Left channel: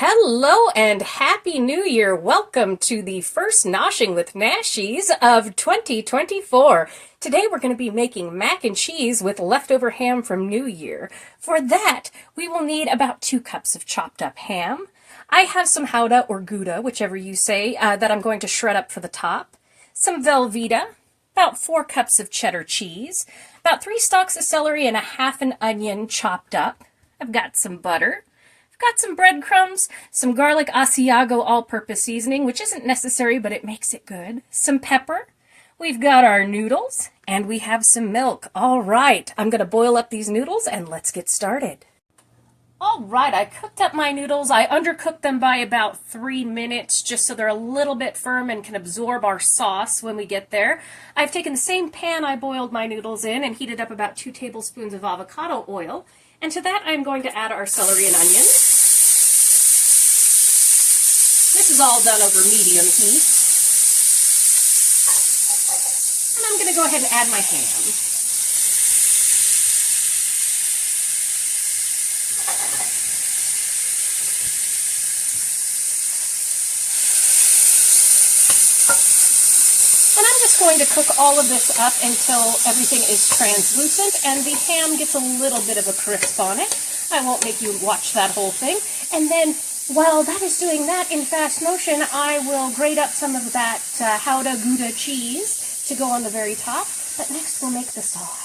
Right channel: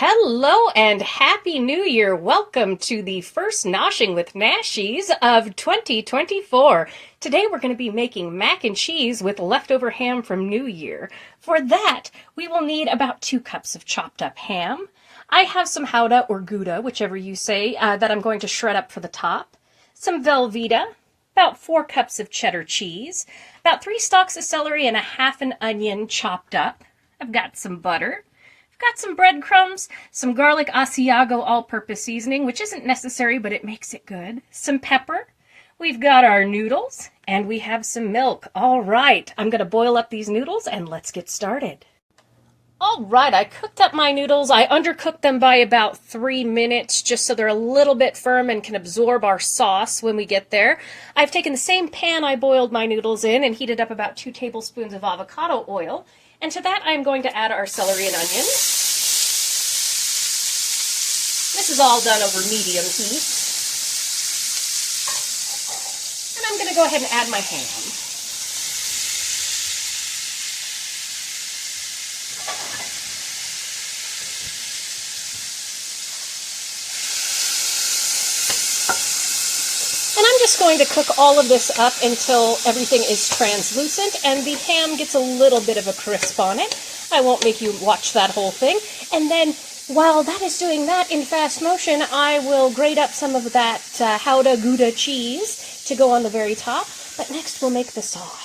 Hello and Happy New Year! Welcome to the first Noshing with Nashies of 2024. Today we're going to be making mac and cheese with leftover ham from New Year. For that, we will need about 2 cups of chopped up ham. I have some Gouda or Gouda, whichever you say, that I'm going to shred up for the top. Some Velveeta, about 4 cups of cheddar cheese, about 3 stalks of celery and a half an onion chopped up. I've got some butter. Got some breadcrumbs, some garlic Asiago all-purpose seasoning, which isn't necessary, but it makes it good. Some pepper. We've got our noodles, and we have some milk. All right, I'm going to boil up these noodles, and let's get started. All right, I cooked up my noodles. I undercooked them by about 3 minutes, just so they're a little bit firm and can absorb our sauce when we get there. I've taken the same pan I boiled my noodles in and heated up about 2 tablespoons of avocado oil. And to that, I'm going to add our celery and onion. This is all done over medium heat. And I'm going to go ahead and add my ham. And I'm just going to cook all of this up until everything is translucent and the ham gets a little bit of a crisp on it. I won't make you watch that whole thing. And then while that is doing that in fast motion, I will grate up some of that Gouda Gouda cheese to go on the very top. But next we'll make the sauce.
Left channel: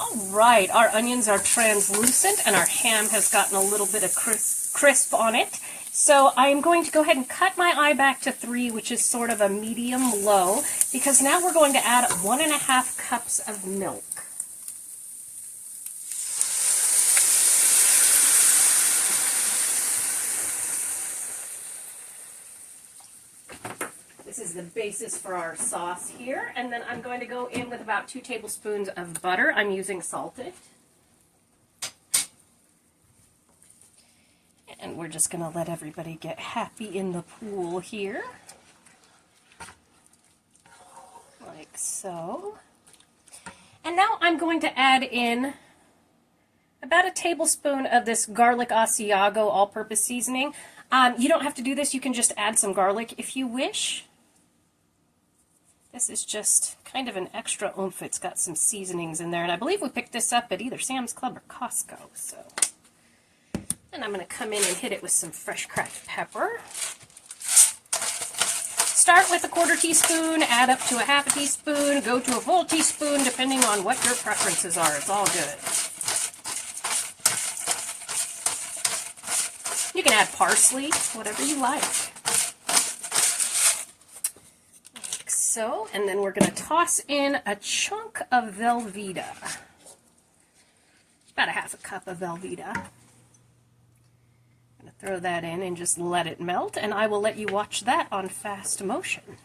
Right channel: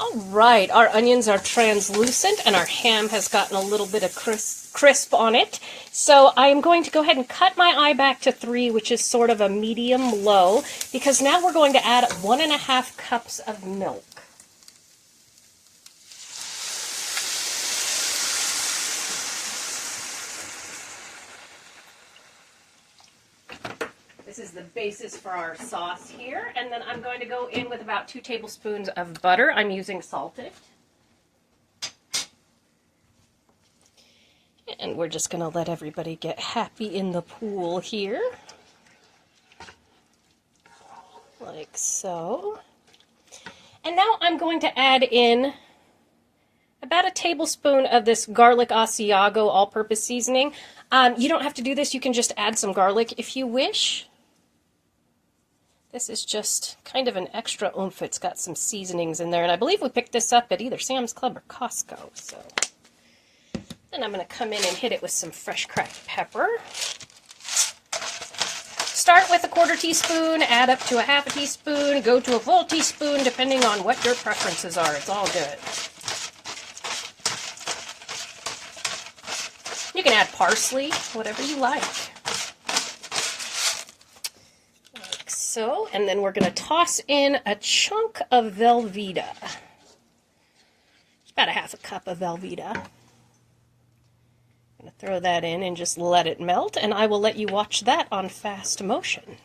All right, our onions are translucent and our ham has gotten a little bit of crisp on it. So I'm going to go ahead and cut my eye back to 3, which is sort of a medium low, because now we're going to add 1.5 cups of milk. This is the basis for our sauce here, and then I'm going to go in with about 2 tablespoons of butter. I'm using salted. And we're just going to let everybody get happy in the pool here. Like so. And now I'm going to add in about a tablespoon of this garlic Asiago all-purpose seasoning. You don't have to do this. You can just add some garlic if you wish. This is just kind of an extra oomph. It's got some seasonings in there, and I believe we picked this up at either Sam's Club or Costco. So, then I'm going to come in and hit it with some fresh cracked pepper. Start with a 1/4 teaspoon, add up to a 1/2 teaspoon, go to a full teaspoon, depending on what your preferences are. It's all good. You can add parsley, whatever you like. So, and then we're going to toss in a chunk of Velveeta. About a 1/2 cup of Velveeta. I'm going to throw that in and just let it melt, and I will let you watch that on fast motion.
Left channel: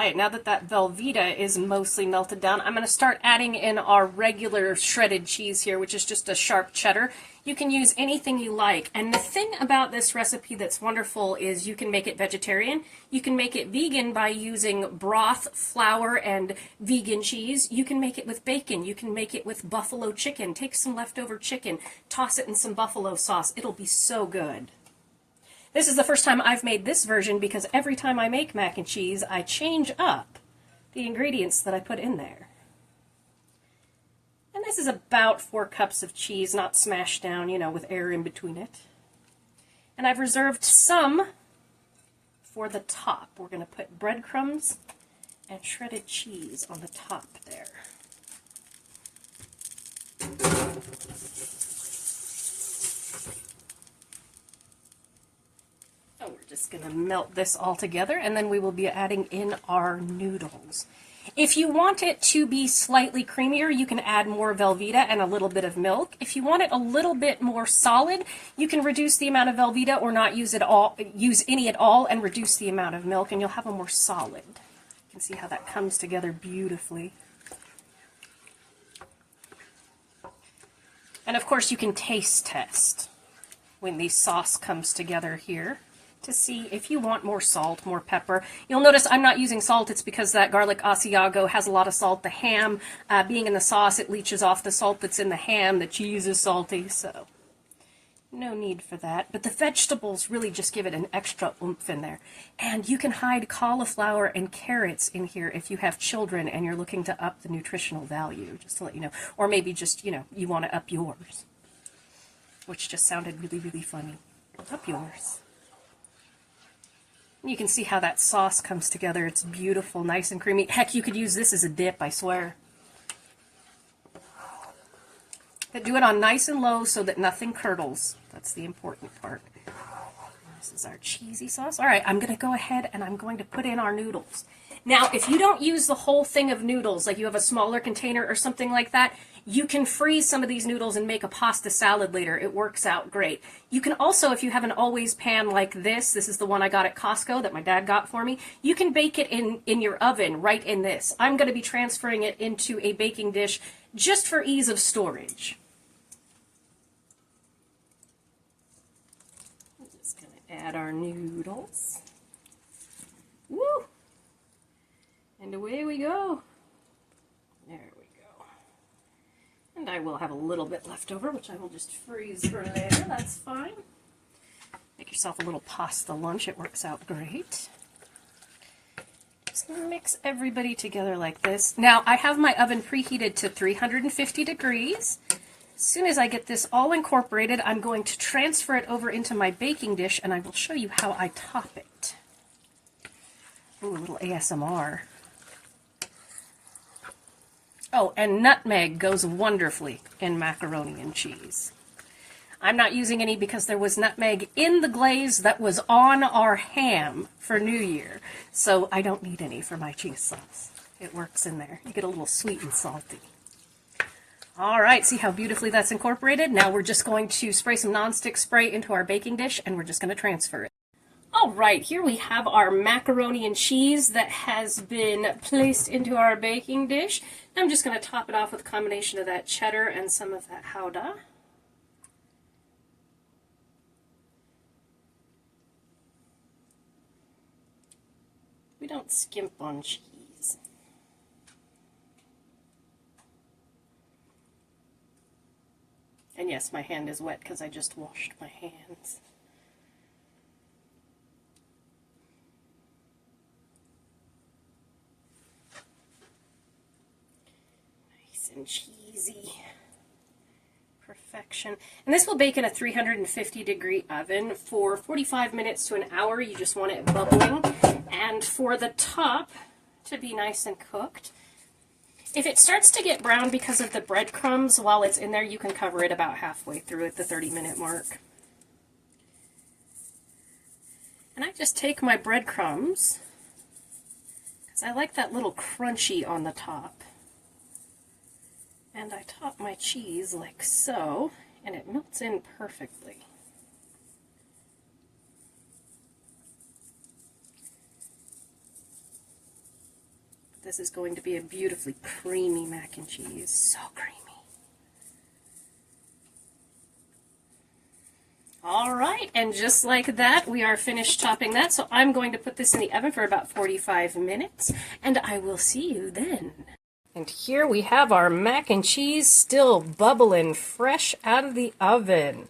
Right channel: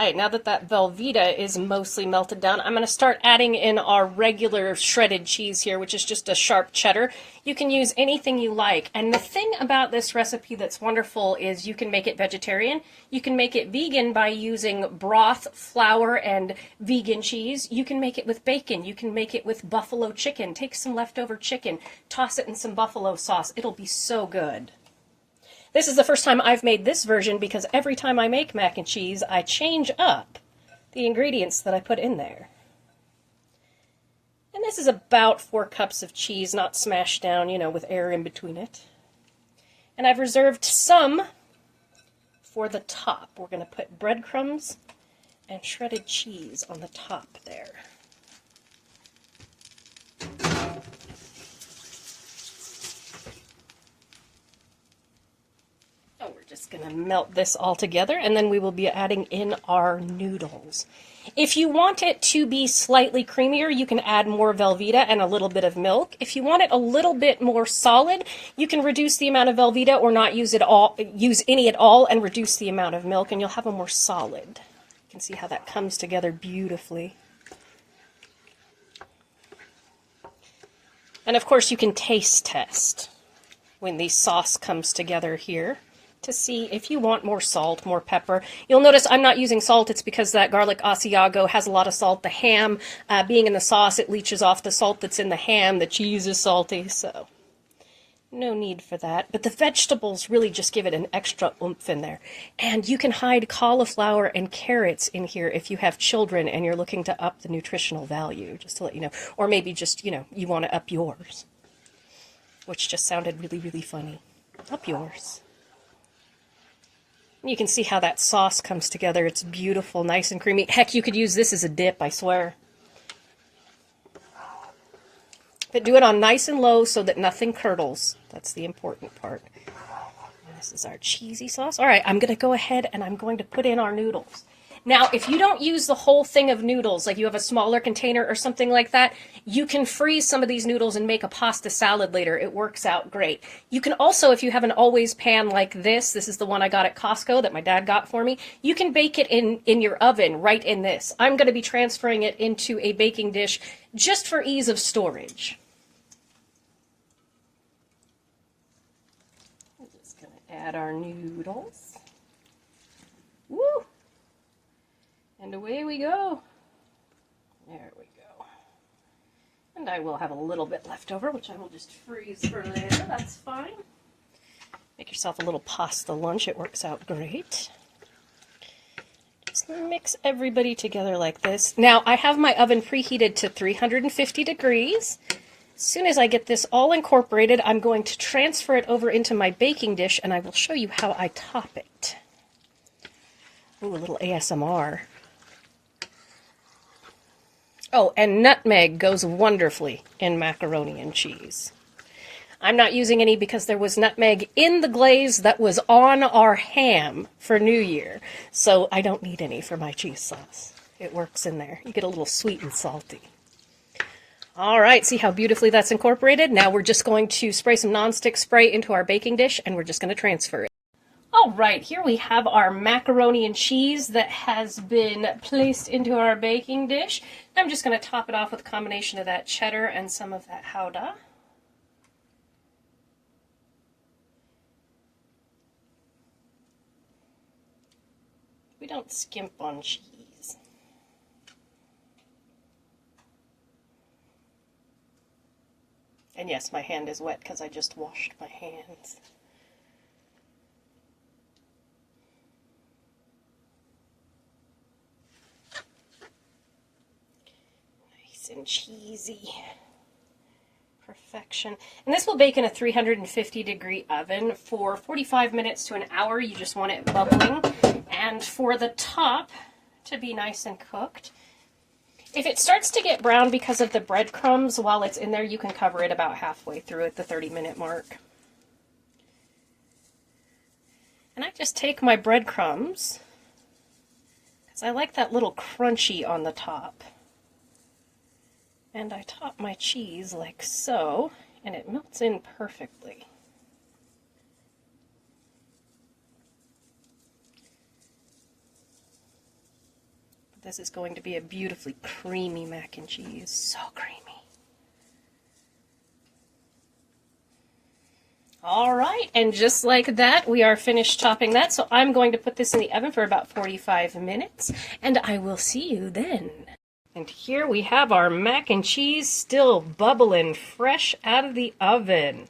right, now that that Velveeta is mostly melted down, I'm going to start adding in our regular shredded cheese here, which is just a sharp cheddar. You can use anything you like. And the thing about this recipe that's wonderful is you can make it vegetarian. You can make it vegan by using broth, flour, and vegan cheese. You can make it with bacon. You can make it with buffalo chicken. Take some leftover chicken, toss it in some buffalo sauce. It'll be so good. This is the first time I've made this version because every time I make mac and cheese, I change up the ingredients that I put in there. And this is about 4 cups of cheese, not smashed down, you know, with air in between it. And I've reserved some for the top. We're going to put breadcrumbs and shredded cheese on the top there. Just going to melt this all together, and then we will be adding in our noodles. If you want it to be slightly creamier, you can add more Velveeta and a little bit of milk. If you want it a little bit more solid, you can reduce the amount of Velveeta or not use any at all and reduce the amount of milk, and you'll have a more solid. You can see how that comes together beautifully. And of course you can taste test when the sauce comes together here to see if you want more salt, more pepper. You'll notice I'm not using salt. It's because that garlic Asiago has a lot of salt. The ham, being in the sauce, it leaches off the salt that's in the ham. The cheese is salty, so no need for that. But the vegetables really just give it an extra oomph in there. And you can hide cauliflower and carrots in here if you have children and you're looking to up the nutritional value, just to let you know. Or maybe just, you know, you want to up yours, which just sounded really, really funny. Up yours. You can see how that sauce comes together. It's beautiful, nice and creamy. Heck, you could use this as a dip, I swear. But do it on nice and low so that nothing curdles. That's the important part. And this is our cheesy sauce. All right, I'm going to go ahead and I'm going to put in our noodles. Now, if you don't use the whole thing of noodles, like you have a smaller container or something like that, you can freeze some of these noodles and make a pasta salad later. It works out great. You can also, if you have an always pan like this is the one I got at Costco that my dad got for me, you can bake it in your oven right in this. I'm going to be transferring it into a baking dish just for ease of storage. I'm just going to add our noodles. Woo! And away we go. There we go. And I will have a little bit left over, which I will just freeze for later. That's fine. Make yourself a little pasta lunch. It works out great. Just mix everybody together like this. Now, I have my oven preheated to 350 degrees. As soon as I get this all incorporated, I'm going to transfer it over into my baking dish, and I will show you how I top it. Ooh, a little ASMR. Oh, and nutmeg goes wonderfully in macaroni and cheese. I'm not using any because there was nutmeg in the glaze that was on our ham for New Year, so I don't need any for my cheese sauce. It works in there. You get a little sweet and salty. All right, see how beautifully that's incorporated? Now we're just going to spray some nonstick spray into our baking dish, and we're just going to transfer it. All right, here we have our macaroni and cheese that has been placed into our baking dish. I'm just going to top it off with a combination of that cheddar and some of that Gouda. We don't skimp on cheese. And yes, my hand is wet because I just washed my hands. And cheesy perfection. And this will bake in a 350 degree oven for 45 minutes to an hour. You just want it bubbling, and for the top to be nice and cooked. If it starts to get brown because of the breadcrumbs while it's in there, you can cover it about halfway through at the 30-minute mark. And I just take my breadcrumbs because I like that little crunchy on the top. And I top my cheese like so, and it melts in perfectly. this is going to be a beautifully creamy mac and cheese. So creamy. All right, and just like that, we are finished topping that. So I'm going to put this in the oven for about 45 minutes, and I will see you then. And here we have our mac and cheese still bubbling fresh out of the oven.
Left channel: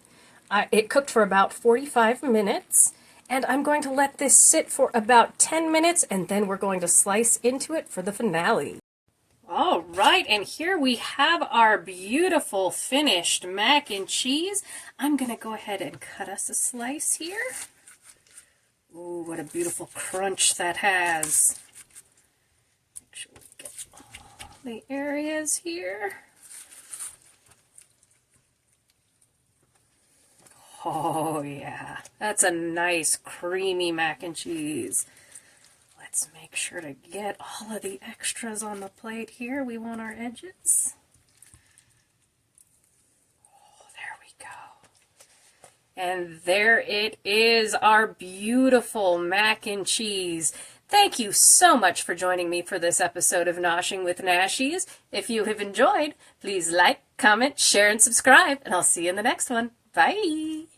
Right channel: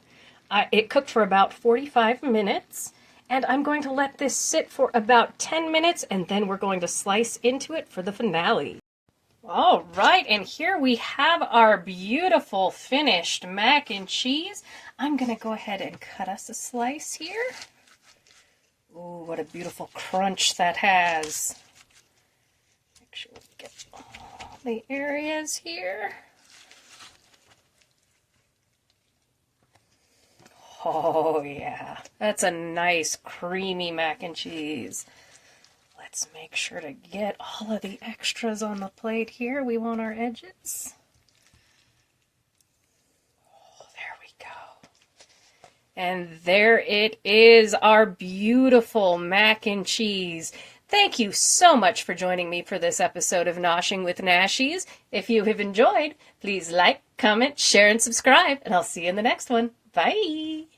It cooked for about 45 minutes, and I'm going to let this sit for about 10 minutes, and then we're going to slice into it for the finale. All right, and here we have our beautiful finished mac and cheese. I'm going to go ahead and cut us a slice here. Ooh, what a beautiful crunch that has. Make sure we get all the areas here. Oh yeah, that's a nice creamy mac and cheese. Let's make sure to get all of the extras on the plate here. We want our edges. Oh, there we go. And there it is, our beautiful mac and cheese. Thank you so much for joining me for this episode of Noshing with Nashies. If you have enjoyed, please like, comment, share, and subscribe, and I'll see you in the next one. Bye!